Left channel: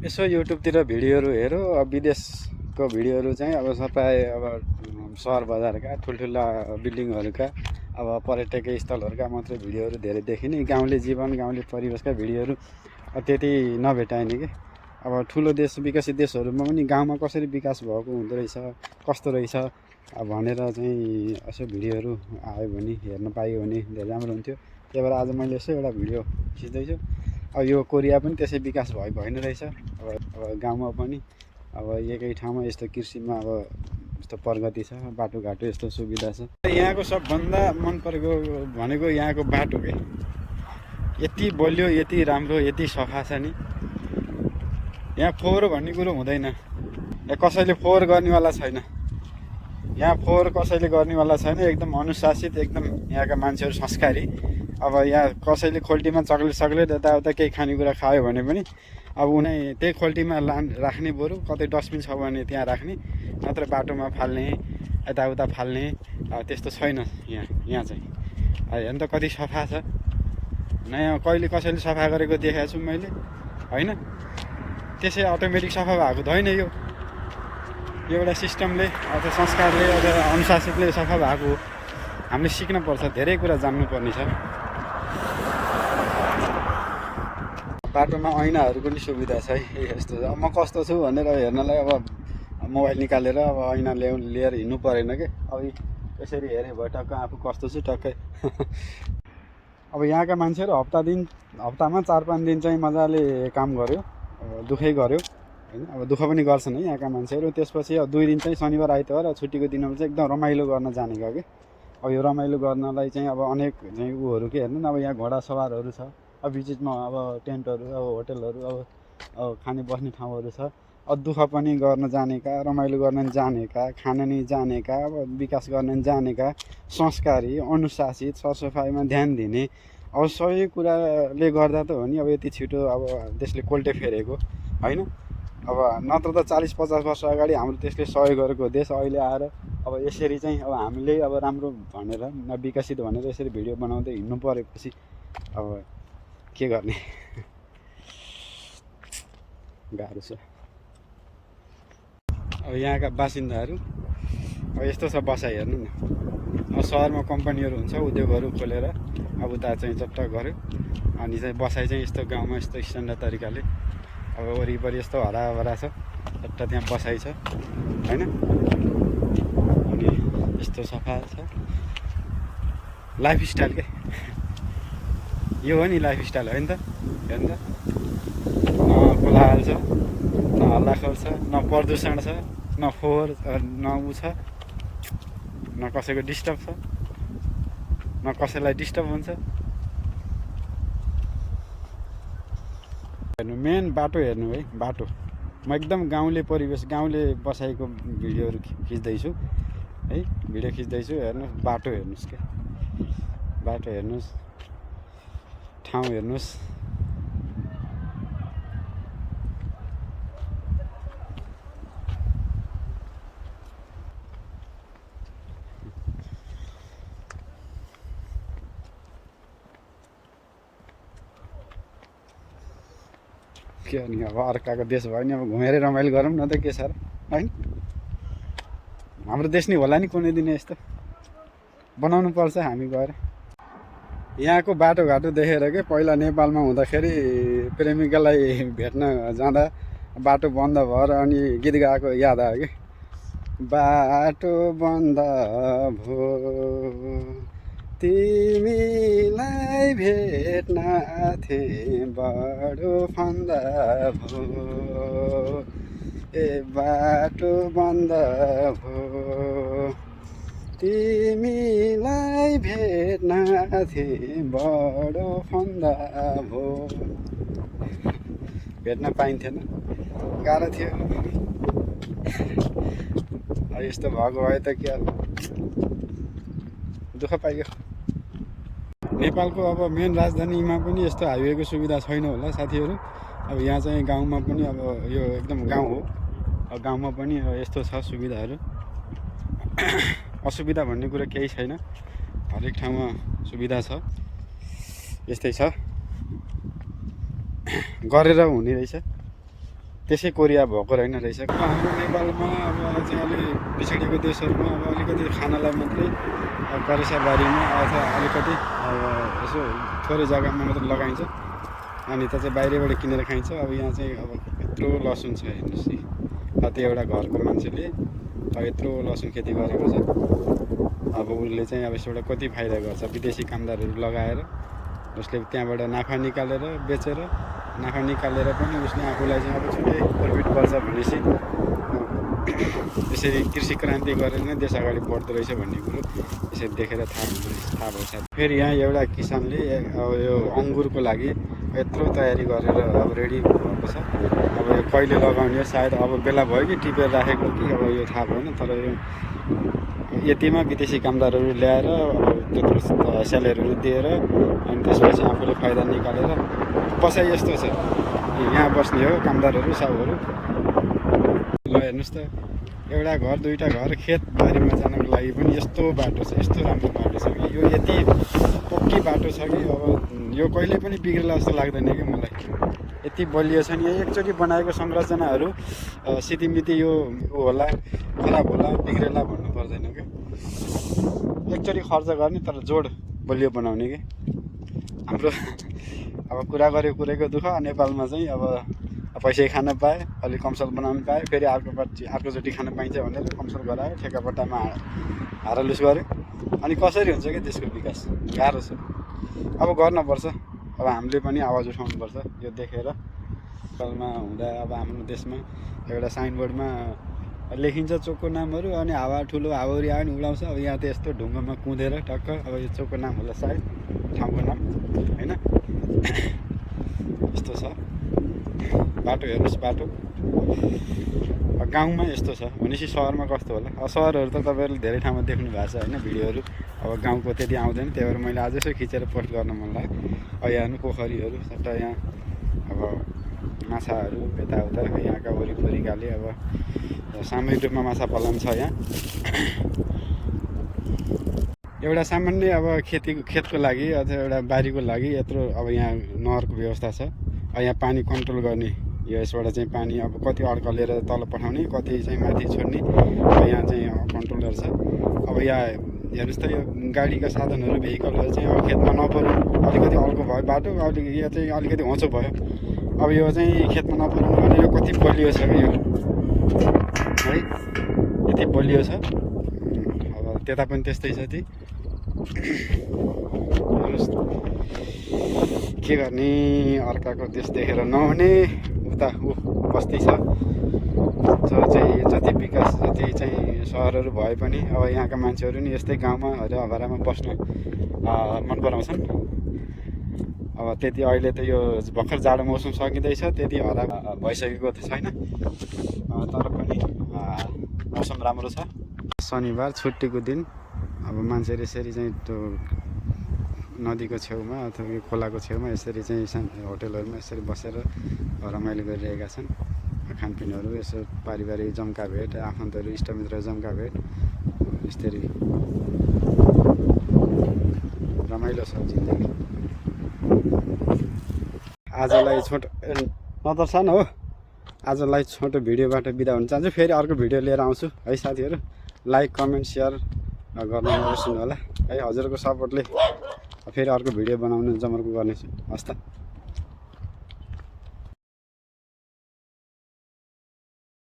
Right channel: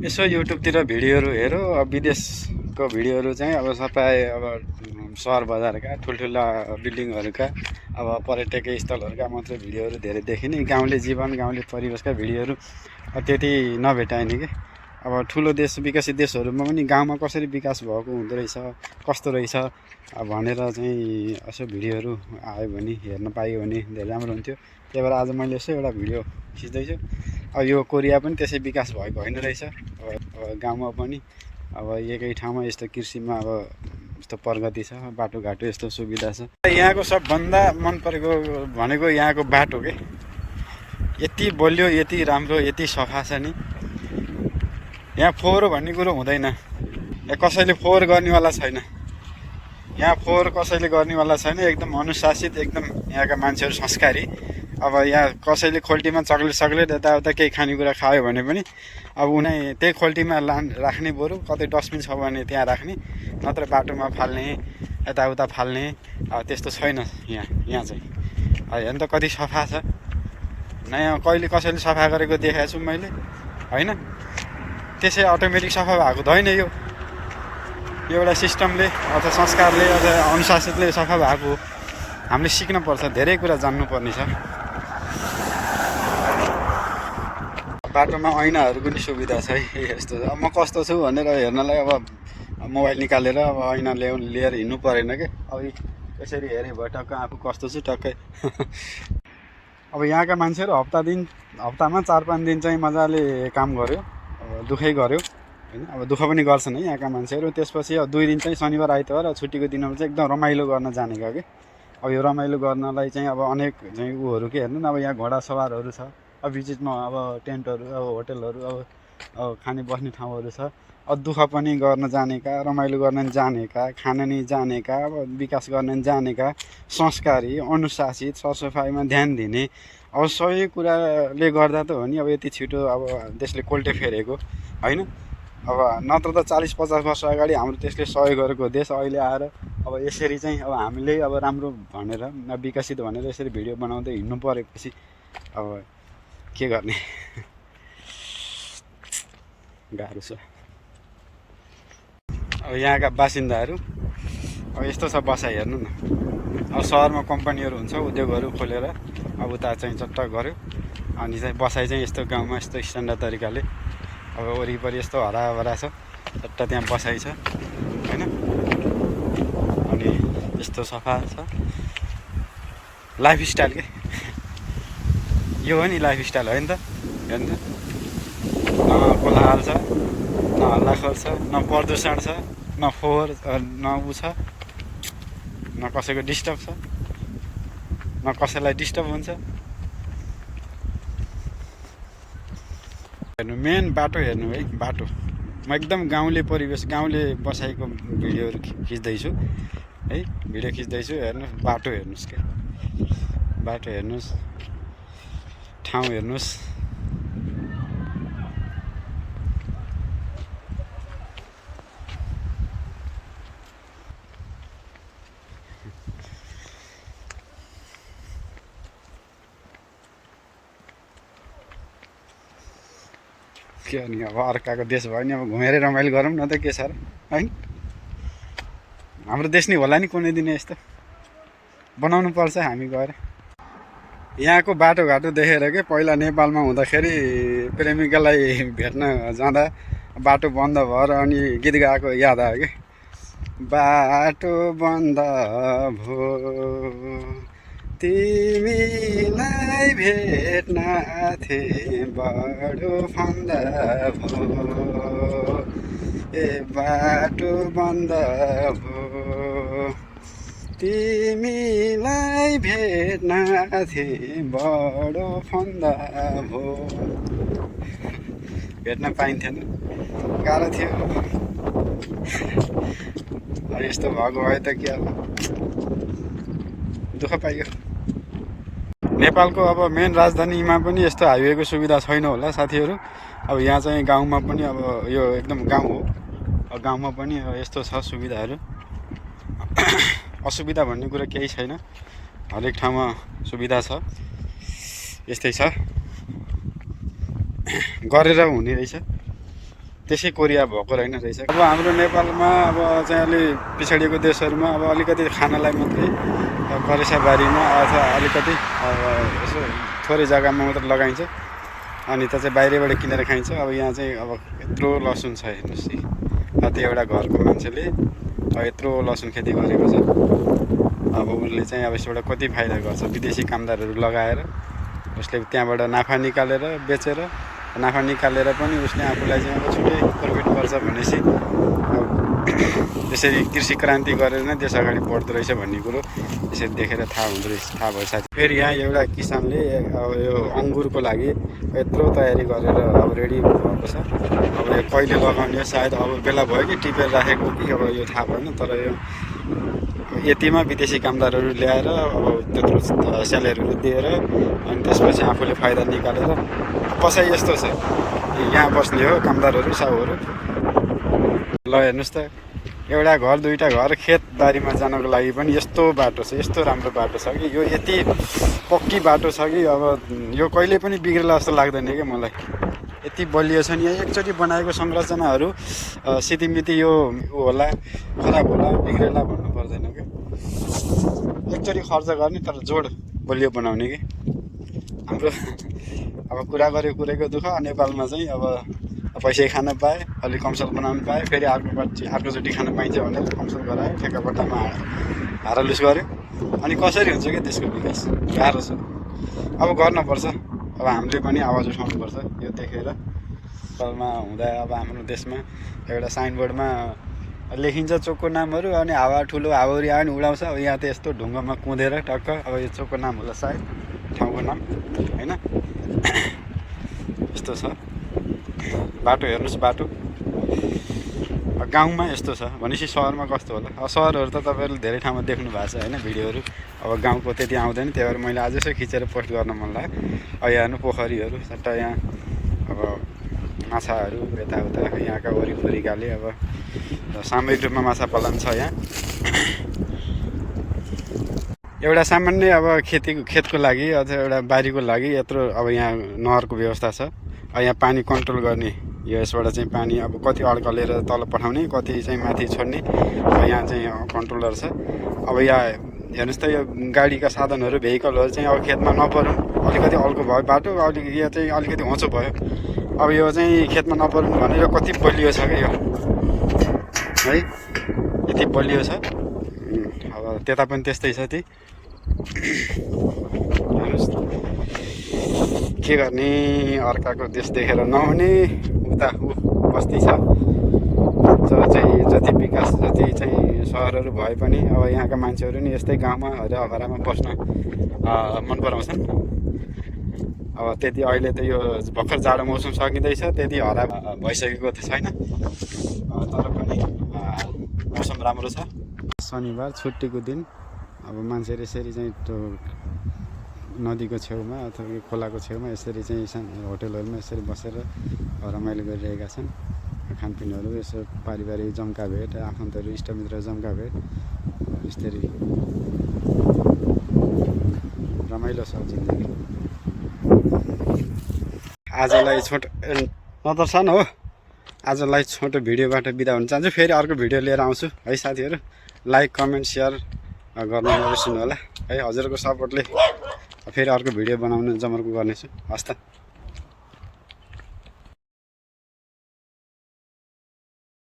यसो युट्युबतिर भिडियोहरू हेरौँ। अब विदेशको भिडियोहरू चाहिँ अब सबै अब सहर बजारका ठुल्ठुला बिल्डिङहरूका अब पर्यटकीय स्थलहरूका मात्रै भिडियोहरू धेरै देखिने। गाउँले जीवन गाउँले परिवेशका भिडियोहरू त्यति नभेटाइने कि। अब ठुलो देश विकसित देशहरूमा पनि गाउँमा कसरी विकास भएको हुँदो रहेछ कस्तो रहेछ भनेर चाहिँ यसो भिडियोहरू आयो भने हेर्न पाइयो भने धेरै राम्रो हुन्थ्यो। त्यही भएर आज मैले यसो एउटा भिडियो खिच्दैछु। अब यो कोरिया पनि त्यसै विकास भएको होइन रहेछ। अब गाउँमा पनि अब एकै ठाउँमा यस्तो कृषिमा अब यस्तो प्रगति छ, बाटोघाटो यस्तो सुविधा छ। यहाँको सबभन्दा मन परेको भनेको यहाँको बाटो के। यति बलियो, यति राम्रो, यति सफा छ नि। यहाँ फोहोर भन्ने कुरो हुँदैन। यहाँ कसैले फोहोर गर्नेवाला छैन। यहाँ फोहोर कसैले गर्नेवाला छैन। एकदम अनुशासित, एकदम यहाँका मान्छेहरू संस्कारी। अब यहाँ कसैले खोल्टीमा चक्लेट सक्लेट यताउता केही खानेकुरा खायो भने पनि अब उनी त्यही खोल्टीमा राख्ने, बरु कतै डस्टबिन छ भने त्यहाँ राख्ने, नत्र बाटोमा फाल्ने, यताउता फाल्ने। अब त्यस्तो छैन यहाँ चाहिँ। हेर्नु त कति सफा छ। नयाँ कहिले कसैले सफा गरेको देखेको छु मैले, होइन। त्यसै अटोमेटिक सफा भएको त होइन यो। एउटा सिस्टमले अथवा संस्कारले अथवा अनुशासितले सफा भएको हो। हामीले सिक्नुपर्छ, धेरै कुरा जान्नुपर्ने छ। बाटोमा ऐनाहरूको पनि सुविधा छ है। यस्तो अब म कस्तो छु भनेर हेर्नलाई अब मोबाइल निकालेर अब ऐना लिएर हिँड्नु परेन क्या। अब यसरी हेरेँ भयो टक्क आफू कस्तो छु टक्कै। अब यहाँका मान्छेहरू हप्तामा 4-5 दिन चाहिँ मजाले काम गर्यो, दुःखै गर्यो होइन। अब दुःख पनि गर्छन् है यहाँका मान्छेहरू। त्यसपछि अब 2 दिन चाहिँ शनिबार आइतबार छुट्टीको दिनमा चाहिँ एकदम रमाइलो गर्न जानेका कि। अब यो रमाइलो गर्नलाई चाहिँ अब अनेक चाहिँ उहरू के हेर्नु न। अब यहाँ घोडा सवारहरू छ, अब बिचमा अब टेन्टहरू, अब होटलहरू, अब खाने बस्ने ठाउँहरू छ। अब दुःख पनि गर्न जानेका, रमाइलो गर्न जानेका, खान नि जानेका, अब विकास गर्न जानेका, संस्कारी, अनुशासित, सरसफाइमा ध्यान दिने। अब सबै कुराले गर्दा त हो नि अब यति छिटो अब देशले कोल्टे फेरेको होइन। अब नत्र त 40-50 वर्ष अगाडि हाम्रो देशले सहयोग गरेको देश अहिले आएर अब यसरी चाहिँ अब हामीले अब राम्रो भनेर विकसित भनेर यसरी भिडियो बनाउँदै हिँड्नु परेपछि अब के गर्ने। गाह्रो छ। अब यहाँका बासिन्दाहरू अब यस्तो छ बसाइ हेर्नु न। अब सहरमा कम्पनीहरू हुन्छ, उद्योगहरू खोलेर अब उता चाहिँ चट्ट गऱ्यो, अनि चाहिँ बसाइ चाहिँ यस्तो गाउँमा यस्तो स्ट्यान्डर्ड तरिकाले अब वरिपरि यस्तो हराभरा छ, चट्ट त्यहाँ बसाइ छ होइन। अनि यस्तो सफा छ। लाइफस्टाइल के यो हो नि, लाइफस्टाइल हो नि त। हेर्नु त, न कोलाहल छ, न हल्लाखोल छ, न प्रदूषण छ, न फोहोर, न उ छ, न कसैको डिस्टर्ब छ, न कसैलाई डिस्टर्ब हुन्छ। हेर्नु मेन बाटो हेर्नु है। बाटो म एकदम गाउँले परिवेश, गाउँले बसाइको भिडियोहरू खिच्दैछु है। भिडियो खिच्दैछु, हेर्नुहोस् बाटो हेर्नुहोस् क्या। बाटो हेर्नुहोस्, ठाउँ हेर्नुहोस्। के अनि अब अर्काको देश भयो नि, अब घुमेरै रमाइलो गरौँ न त, के छ र होइन। हाम्रो देश नि होला नि कुनै दिन यस्तो बनाउनु पर्छ हामी गएर। यहाँको बाटोघाटो देखेर के पहिला नेपालमा हुँदाखेरि प्रेमिकालाई भेट्न जाँदा बाटो बन्द भएर अनि गीत गाएको याद आयो कि। बाटो बन्द भो तिमीलाई भेट्न थिएँ बडो फन्द भो, ए बाटो बन्द भो तिमीलाई भेट्न थिएँ बडो फन्द भो। भेट्न पाइन्थेन, गाह्रो थियो। यस्तो भएको भए त के अब दुःख पाइयो। नेपालको अब मेन राजधानीमा पनि यस्तो हाइवेको सुविधा छैन होला साथीहरू। अब यहाँ चाहिँ गाउँमा पनि अब यो एकदम गाउँ हो। अब गाउँमा पनि यस्तो छ सुविधाहरू। असुविधा भन्ने कुरा केही छैन, हरेक ठाउँमा सुविधा छ। यस्तै छ, गरेर हुने रहेछ। त्यसै कोरिया भएको रहेन रहेछ। अब हाम्रो नेपालमा अब चाहिँ अलि पिछडिएको देशहरूमा अब अलिकति खानालाई मात्रै करेसाबारीमा अथवा अलिकति अब यसो थोरै जग्गामा मात्रै लगाइन्छ, अनि त्यो चाहिँ बाहिरबाट किनेर खाइन्छ। अब यहाँ चाहिँ अब यत्रो लसुन छ हेर्नुहोस् है, कति एउटा घरको मान्छेले अब यत्रो लसुन खेती गरेको छ। अब उसले चाहिँ अब यसबाट कति फाइदा गर्छ, विदेशी कामदारहरू लगाएर उसले त्यहाँबाट नाफा निकालेर बेचेर, नाफा निकालेर पनि उसले आफूलाई चाहिँ अब छुट्टै प्रफिट गर्छ भनेपछि यसरी कृषि क्रान्ति गरेर नै देश अगाडि बढ्दो रहेछ भन्ने कुरो यसरी देखेर थाहा हुँदो रहेछ, थाहा भयो साथी। फेरि यहाँ एउटा किसानले अब यो अङ्गुरको लागि यत्रो तयारी गरेर अब रेडी भएको छ। अब यो कहिले लगाउने सायद अब बेला भयो कि टिपेर राखेको कि अब यो थाहा भएन, तर यो यतिमा विदेशी कामदारहरू ल्याएर अब त्यत्रो स्यालेरीहरू दिएर अनि त्यसपछि आफूले फाइदा निकालेर बसाइ यस्तो छ। यहाँ बस्ने हो कामदारहरू साहुहरू। ल हेर्नुहोस् त, एउटा घर दुईवटा घर खेतबारीमा जानको लागि पनि यस्तो बाटो छ, यस्तो राम्रो बाटो छ कि यो यति पक्की बाटो छ कि अब यो कहिले पनि बिग्रेला जस्तो लाग्दैन क्या मलाई। यति बलियो छ नि, यहाँ एकचोटि बनाएको संरचनाहरू सितिमिति यो होला, खराब होला, बिग्रेला भन्नु पर्दैन क्या। एकचोटि खर्च गर्ने तर जोड बलियो बनाउने कि। हाम्रो अब कुरा गरेको कुरैको दुःख, नेपालमा चाहिँ अब पैसै खान पाए, अलिक कमसल बनाउनु पाए, फेरि अर्कोचोटि खान पाइन्छ भनेर कमसल गरायो, ठेक्कापट्टामा हारालुस गऱ्यो। अनि कसरी हुन्छ क्या त्यसको विकास? गाह्रो छ। अब गर्नुपर्छ, अब हामीले पनि आवाज उठाउनुपर्छ यो देखेर। नेपालमा हुँदा अब हाम्रो देशमा एउटा साइनबोर्डमा लेखिन्छ चोकको नामहरू, अनि हावा ठुलो हावाहुरी आयो भने उडाउँछ। अब यहाँ त यस्तो ढुङ्गामा कुदेर टक्क अब यो चोकको नाम होला सायद, ठाउँको नाम होइन, यस्तो छ बाटो। हेर्नुहोस् बाटो गाउँमा यस्तो छ भनेपछि सहरमा कस्तो होला? अब सहरहरू त तपाईँहरूले धेरै ठाउँमा देख्नु भएको छ होइन भिडियोहरू। अब गाउँको त्यति आउँदैन, त्यही भएर मैले आज यसो खिचेर पोस्ट गर्न मन लाग्यो। अब यहाँ हेर्नु पोखरीहरू सट्टा, यहाँ अब माछाहरू यताउता, यहाँका वरिपरि गाले अब सामूहिक रूपमा माछा पालन छ यहाँ। एउटा सामान्य अब खेतको लागि अथवा एउटा बारीको लागि यत्रो अब यहाँ नहरको व्यवस्था छ। अब यहाँ पानी कन्ट्रोल गर्ने, यो यसबाट चाहिँ पानी अब कति अड्कलेर तल पठाउने, कति चाहिँ माथि छोड्ने, अब यहाँ चाहिँ कन्ट्रोलर छ। अब यहाँ हेर्नुहोस् त, यो गाडीका साधनहरू भेहिकलहरू चाहिँ अब खेतमा नपरौँ, अलिकति अल्को भयो बाटो, यहाँ चाहिँ अलिकति होचो भयो। अब यो चाहिँ खेतमा नपरौँ भने यो कति बलियो छ कि यो है, यति बलियो छ। अब त्यता पनि त्यस्तै छ। ती हेर्नुहोस् के गर्ने, अर्काको देश देखेर नहुने। उता बस्ती छ जो चाहिँ जति विकास, जति चाहिँ सहरहरू भए पनि अब यहाँका मान्छेहरू नि यस्तै गाउँमा हराभरामा बस्न मन पराउँछन्। अब त्यति अहिले त यो भर्खर जाडो मौसम सकिँदैछ, त्यति हरा भइसकेको त छैन, तर पनि मौसम राम्रो छ। शनिबार छुट्टीको दिन अब मान्छेहरू यसरी चाहिँ त्यो नदीको छेउमा अथवा खोलाको छेउमा यसरी चाहिँ होटलहरूमा यसरी बसेर रमाइलो गरिरहेका छन्। खानपिनहरू यसो पारिवारिक जम्का भेट, आफन्तहरू इष्टमित्र जम्का भेट, यसरी रमाइलो छ जिन्दगी। आजलाई छोटो नदर्शन हो, आजलाई छोटो भिडियोबाट बिदा हुन चाहन्छु। फेरि अर्को भिडियो लिएर आउँछु है साथीहरू। लाइक कमेन्ट सेयर गर्न नबिर्सिनु होला है। हजुरको सपोर्टले फेरि अर्को भिडियो बनाउन जमर्को गर्नेछु। हस् त।